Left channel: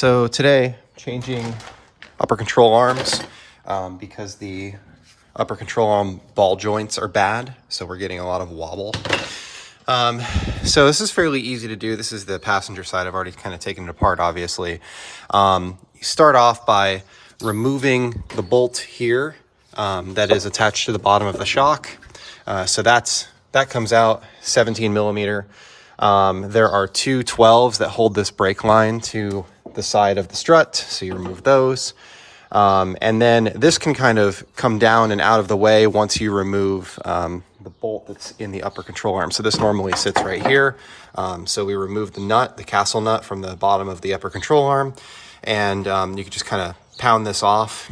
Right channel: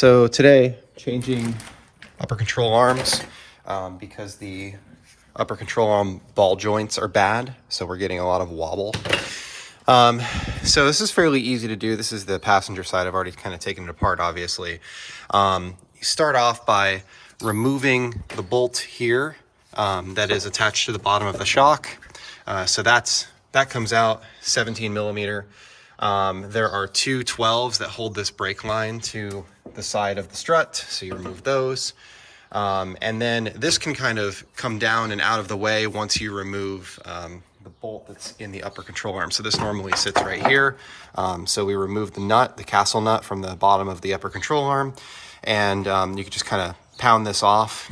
So today, changing upper control arms because the upper control arm ball joints are bad. So we're getting a lot of wobble. So this is fairly easy to do. This is the passenger side. I've already kind of taken it apart, obviously. You start off by removing the bolt here that is attached to the bottom of the shock. So that comes out 17 millimeter. There are two 12s that hold this brake line to the side of the strut. So you remove those. And then this can kind of come down and out of the way once you remove the bolt that's in the upper control arm. So this normally sits right here. So we remove the nut, the castle nut from the bottom of the upper control arm. And you can just kind of pound this off.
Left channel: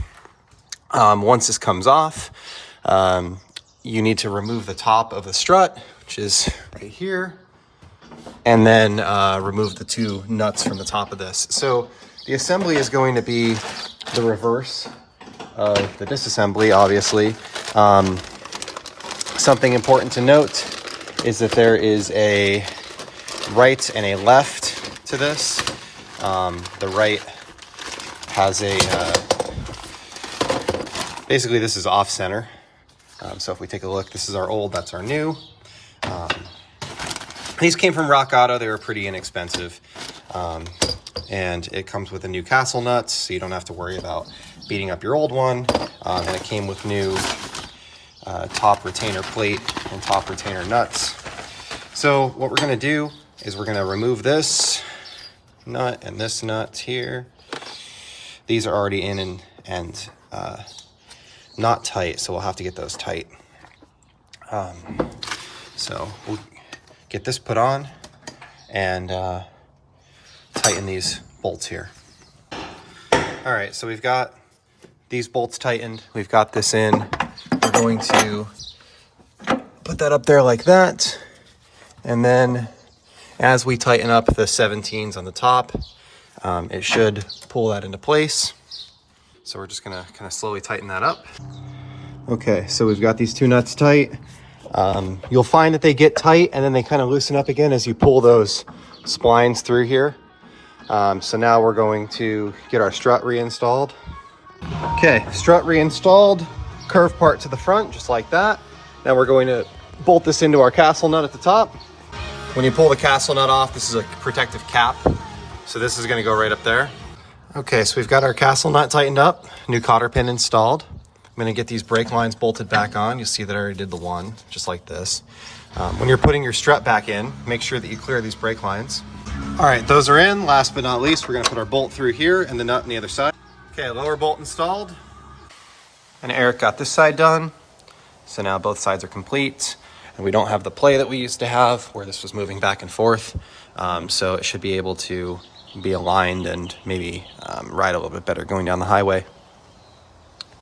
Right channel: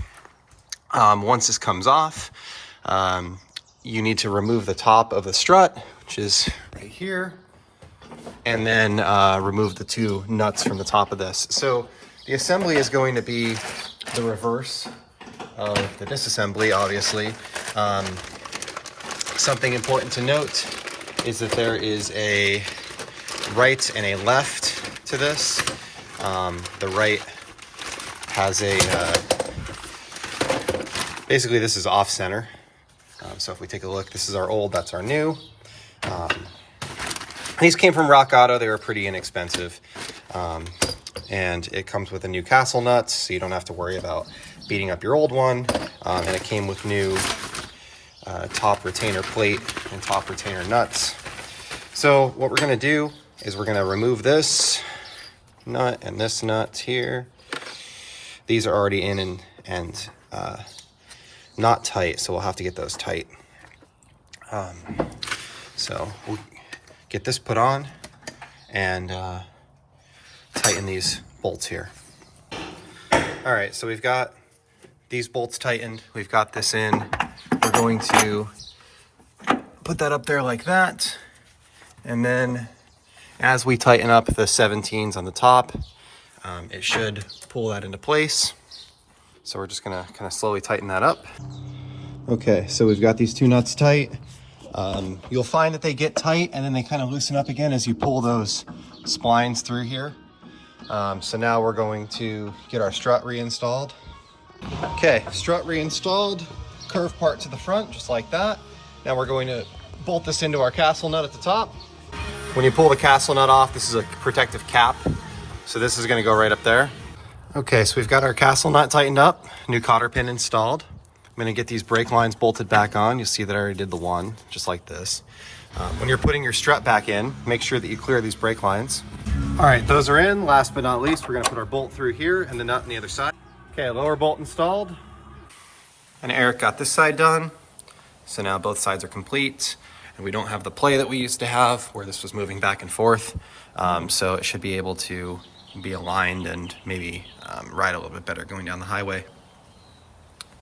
Once this comes off, you need to remove the top of the strut, which is right here. And then remove the two nuts from the top of this. So the assembly is going to be the reverse of the disassembly, obviously. Something important to note is that there is a right and a left to this. The right has a, basically this is off center. So if we take a look, this is our old, that's our new. These came from RockAuto. They were pretty inexpensive. And it comes with a new castle nuts, so you don't have to worry about beating up your old one. And it came with new top retainer plate and top retainer nuts. So what we're gonna do is we're gonna remove this nut and this nut here. These are already in and not tight, so we'll have to get those tight. So we'll get this put on and tighten these bolts here. All right, so we've got these bolts tightened. We've got this in. We're going to put that up there like that. And then as we tighten up the 17s on the top, it should pull that into place. So we're just gonna kind of slowly tighten that up. Okay, so we've got these two nuts tight. You'll find that they get tight and then they kind of loosen up again as you pull those splines through here. So now we're going to get our strut reinstalled. Okay, strut reinstalled, curve part to the front, just like that. Now we're going to bolt this into our castle nut at the top. When you pull the castle nut off, this is a protective cap. So this is gonna go right up there. Okay, so we've got our castle nut tightened up, new cotter pin installed. I'm gonna get these brake lines bolted back on. You'll see that I already did the one, just like this. When you're putting your strut back in, make sure that you clear these brake lines. All right, those are in. Last but not least, we're gonna put our bolt through here and the nut on the other side. Okay, lower bolt installed. And Eric got this side done. So now both sides are complete. And we don't have the play that we used to have where this was moving back and forth. So it should be able to be aligned and maybe ride a little bit better going down the highway.